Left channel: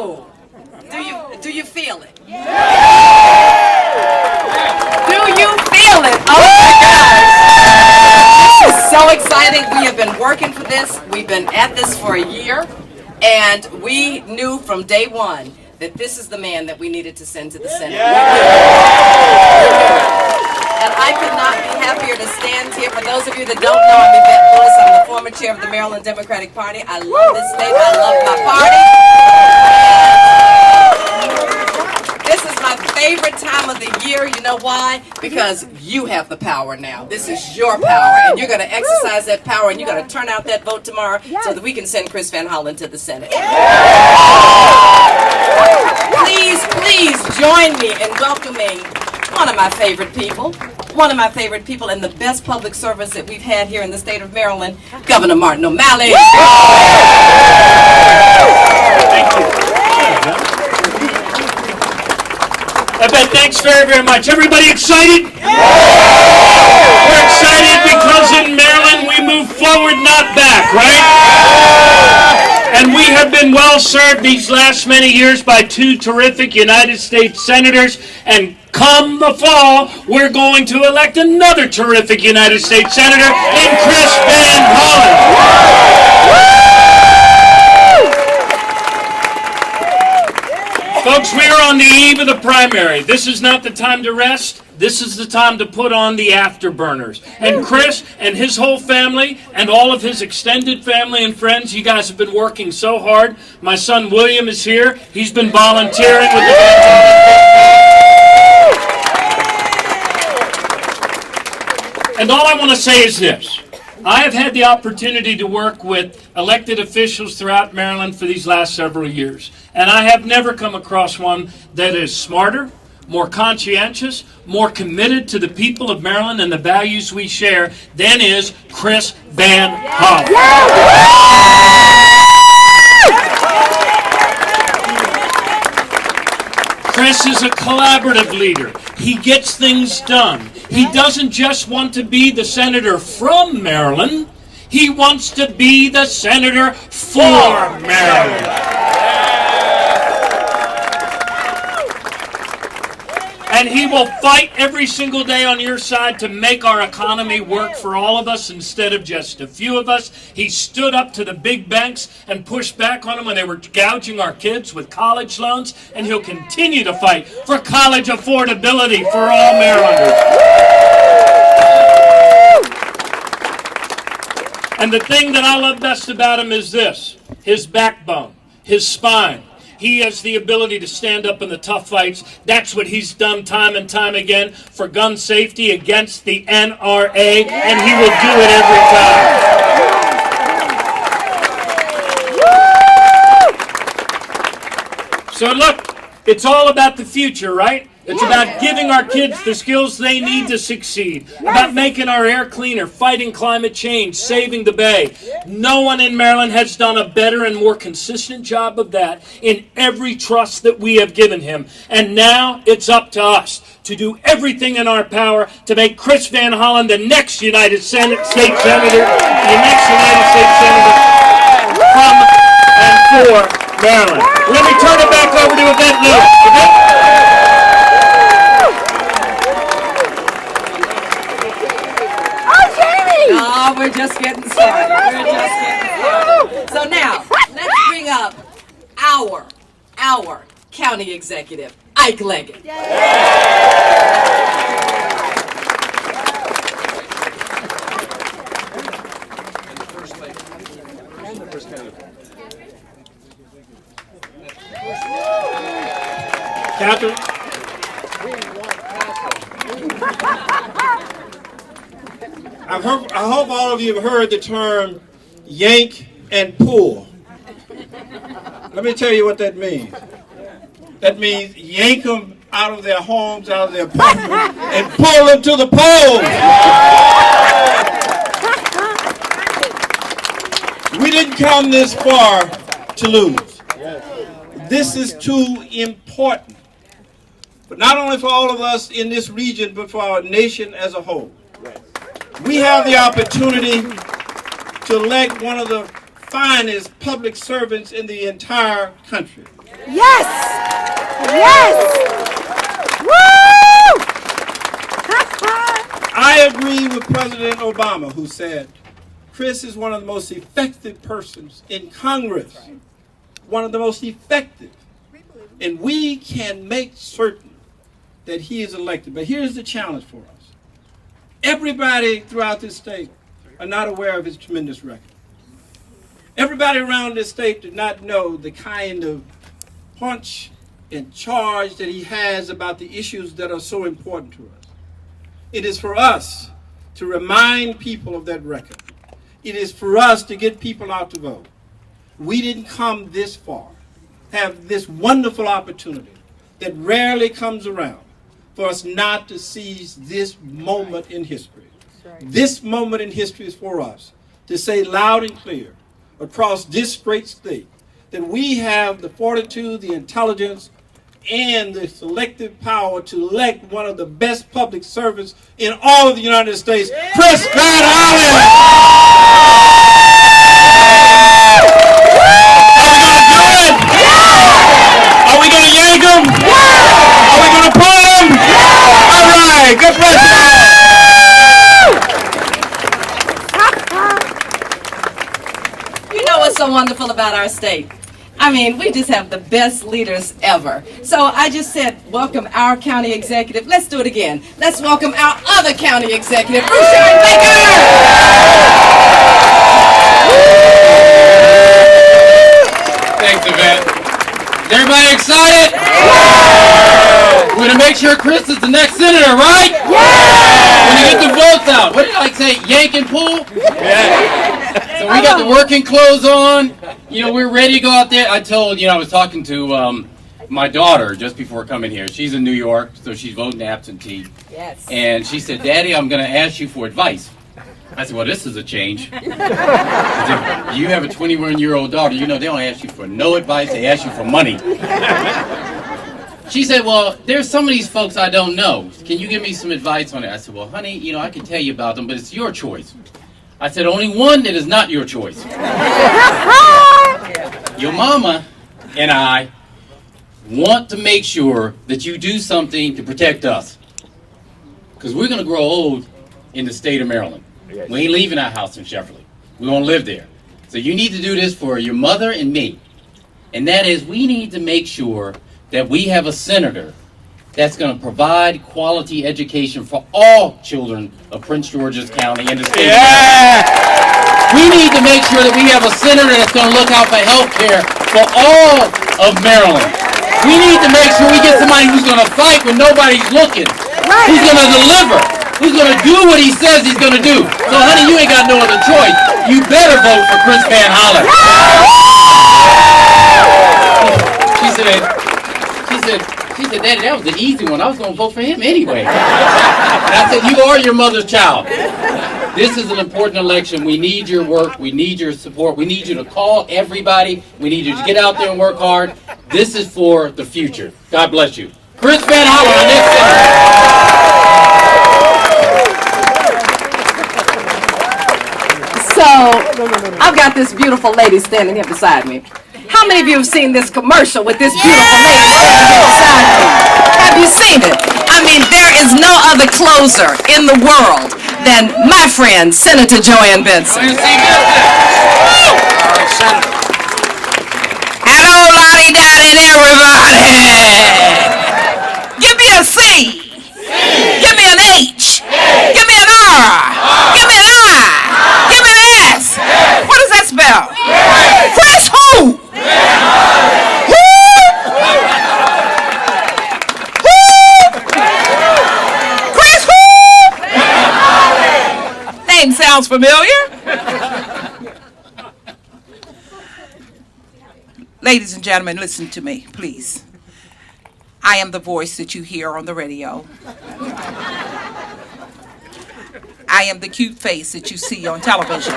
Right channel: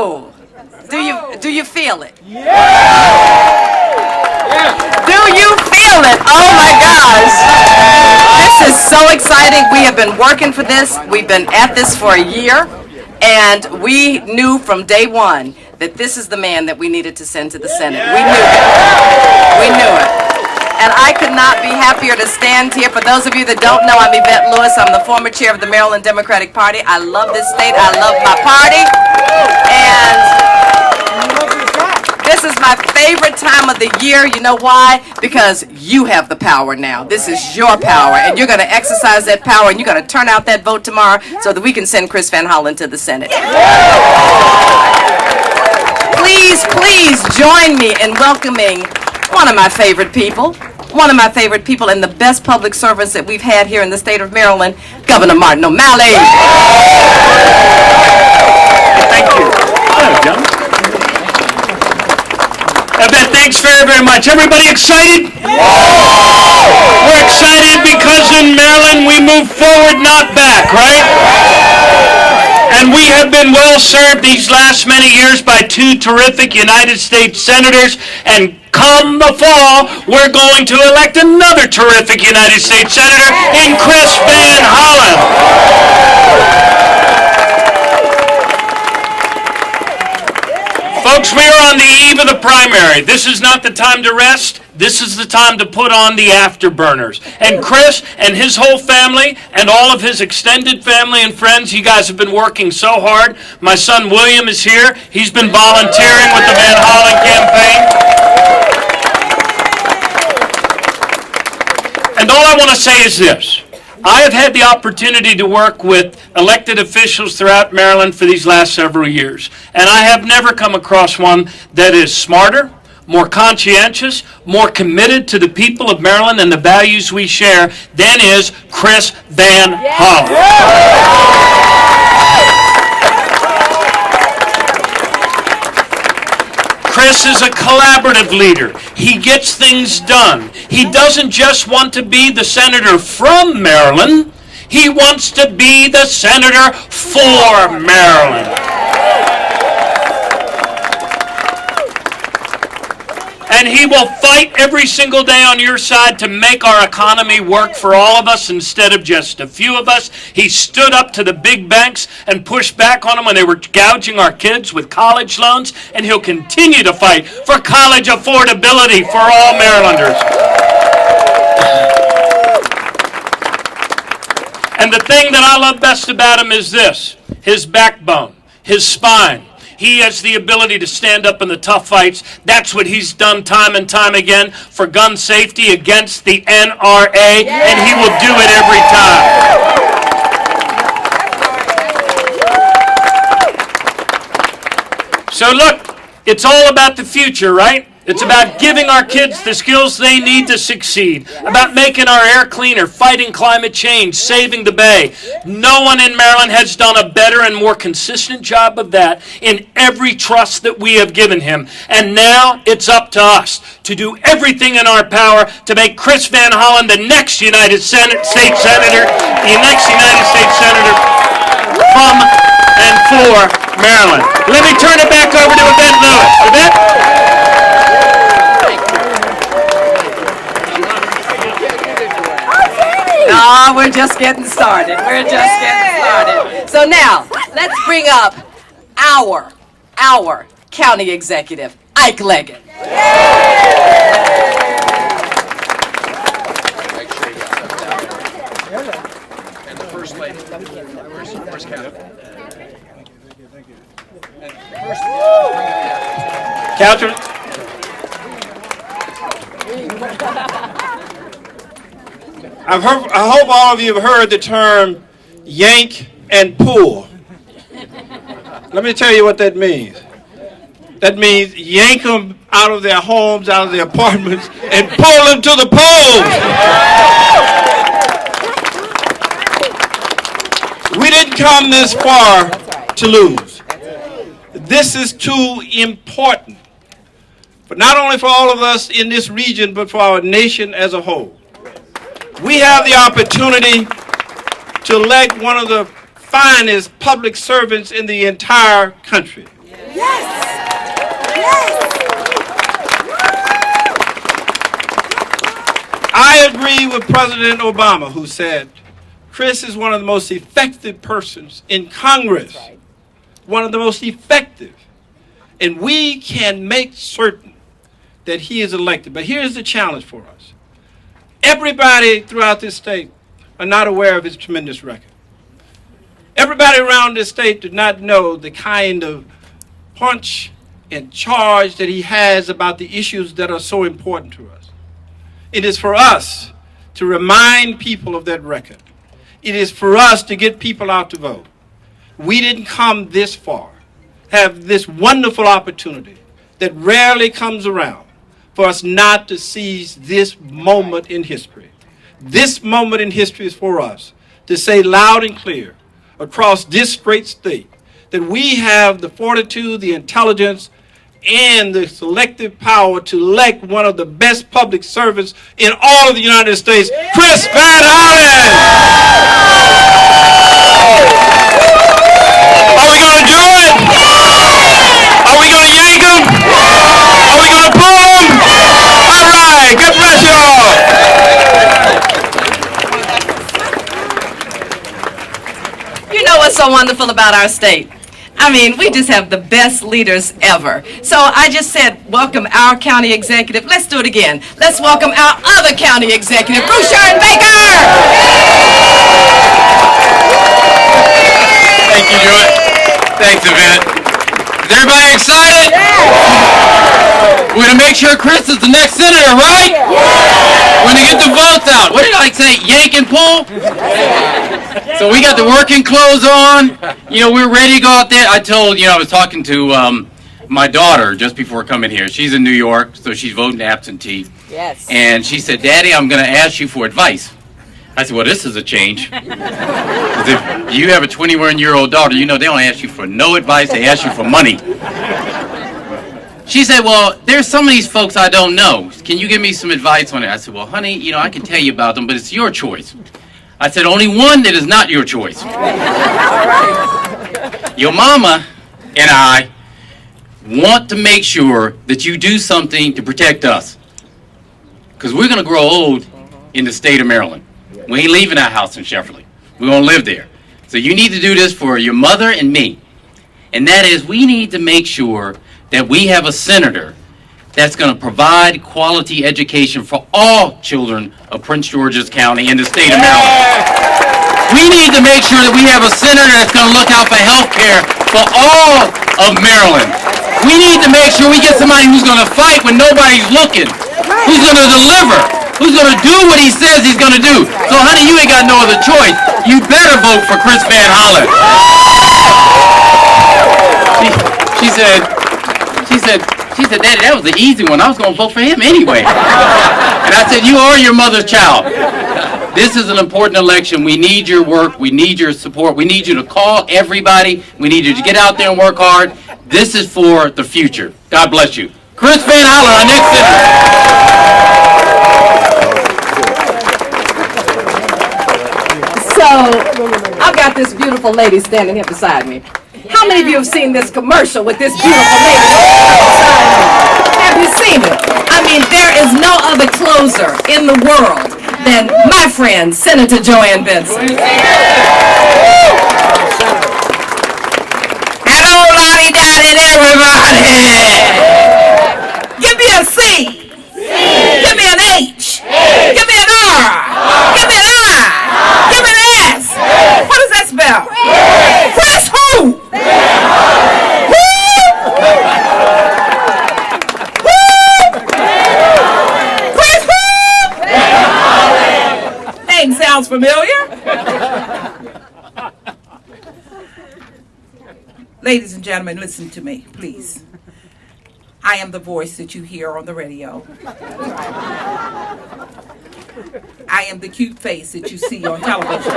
Oh, do you feel it? Yeah. Do you feel it? Oh my gosh. This is so exciting. We have been working for this. We've been at this for a year, and we knew from day one that this is the man that we needed to send to the Senate. We knew it. We knew it. And I could not be happier to stand here. For those of you that don't know, I'm Yvette Lewis. I'm the former chair of the Maryland Democratic Party. I love this state. I love my party. And this is my favorite time of the year. You know why? Because you have the power now. This is your power. And you're going to exercise that power, and you're going to turn out that vote tomorrow so that we can send Chris Van Hollen to the Senate. Please, please join me in welcoming one of my favorite people and the best public servants that we've had here in the state of Maryland, Governor Martin O'Malley. Thank you. There you go. Yvette, thanks very, very much. Everybody excited? We're excited because in Maryland we move forward, not back, right? And we have been well served these last many years by two terrific United States senators, and come the fall, we're going to elect another terrific United States senator in Chris Van Hollen. Folks, we are on the eve of the primary. This is not the time to rest. This is the time to put on the afterburners. And Chris and his whole family and all of his extended family and friends, you guys have been working so hard. My son William is here. He's been volunteering with the Van Hollen campaign. And all I want to say is this. I have had the opportunity to work with elected officials throughout Maryland for these last several years. And I have never come across one that is smarter, more conscientious, more committed to the people of Maryland and the values we share than is Chris Van Hollen. Chris is a collaborative leader. He gets things done. He doesn't just want to be the senator from Maryland. He wants to be the senator for Maryland. And he will fight every single day on your side to make our economy work for all of us instead of just a few of us. He stood up to the big banks and pushed back on them when they were gouging our kids with college loans, and he'll continue to fight for college affordability for all Marylanders. And the thing that I love best about him is this: his backbone, his spine. He has the ability to stand up in the tough fights. That's what he's done time and time again for gun safety against the NRA, and he will do it every time. So look, it's all about the future, right? It's about giving our kids the skills they need to succeed, about making our air cleaner, fighting climate change, saving the Bay. No one in Maryland has done a better and more consistent job of that in every trust that we have given him. And now it's up to us to do everything in our power to make Chris Van Hollen the next United States Senator, from and for Maryland. Let me turn it back over to Yvette Lewis. Yvette? Oh, we're just getting started. We're just getting started. So now, let's bring up our county executive, Ike Leggett. And the first lady. First county. Catherine? I hope all of you have heard the term yank and pull. Let me tell you what that means. That means yank them out of their homes, out of their apartments, and pull them to the polls. We didn't come this far to lose. This is too important, but not only for all of us in this region, but for our nation as a whole. We have the opportunity to elect one of the finest public servants in the entire country. Yes! Yes! I agree with President Obama, who said, Chris is one of the most effective persons in Congress. One of the most effective. And we can make certain that he is elected. But here's the challenge for us. Everybody throughout this state are not aware of his tremendous record. Everybody around this state did not know the kind of punch and charge that he has about the issues that are so important to us. It is for us to remind people of that record. It is for us to get people out to vote. We didn't come this far, have this wonderful opportunity that rarely comes around for us not to seize this moment in history. This moment in history is for us to say loud and clear across this great state that we have the fortitude, the intelligence, and the selective power to elect one of the best public servants in all of the United States, Chris Van Hollen. Are we going to do it? Are we going to yank him? Are we going to pull him? All right, God bless you all. You know what's so wonderful about our state? I mean, we just have the best leaders ever. So I just said, welcome our county executive. Let's do it again. Let's welcome our other county executive, Bouchard Baker. Thank you, Joy. Thanks, Yvette. Is everybody excited? We're going to make sure Chris is the next senator, right? We're going to get the votes out. What did I say? Yank and pull? So we got the working clothes on. You know, we're ready to go out there. I told, I was talking to my daughter just before coming here. She's in New York, so she's voting absentee. Yes. And she said, Daddy, I'm going to ask you for advice. I said, well, this is a change. 'Cause if you have a 21-year-old daughter, they don't ask you for no advice. They ask you for money. She said, well, there's some of these folks I don't know. Can you give me some advice on it? I said, well, honey, I can tell you about them, but it's your choice. I said, only one that is not your choice. Your mama and I want to make sure that you do something to protect us. Because we're going to grow old in the state of Maryland. We ain't leaving our house in Sheffield. We're going to live there. So you need to do this for your mother and me. And that is, we need to make sure that we have a senator that's going to provide quality education for all children of Prince George's County in the state of Maryland. We need to make sure that we have a senator that's going to look out for health care for all of Maryland. We need to make sure we get somebody who's going to fight when nobody's looking, who's going to deliver, who's going to do what he says he's going to do. So, honey, you ain't got no other choice. You better vote for Chris Van Hollen. She said, Daddy, that was an easy one. I was going to vote for him anyway. And I said, you are your mother's child. This is an important election. We need your work. We need your support. We need you to call everybody. We need you to get out there and work hard. This is for the future. God bless you. Chris Van Hollen, our next senator. So I've got this beautiful lady standing here beside me. How many of you have seen this commercial with this beautiful lady standing here beside me? Have you seen it? I mean, there is no other closer in the world than my friend, Senator Joanne Benson. Hello, lottie-dottie, everybody. Give me a C. Give me an H. Give me an R. Give me an I. Give me an S. What does that spell? Chris who? Chris who? Name sounds familiar. Ladies and gentlemen, listen to me, please. I am the voice that you hear on the radio. I am the cute face that you see on television.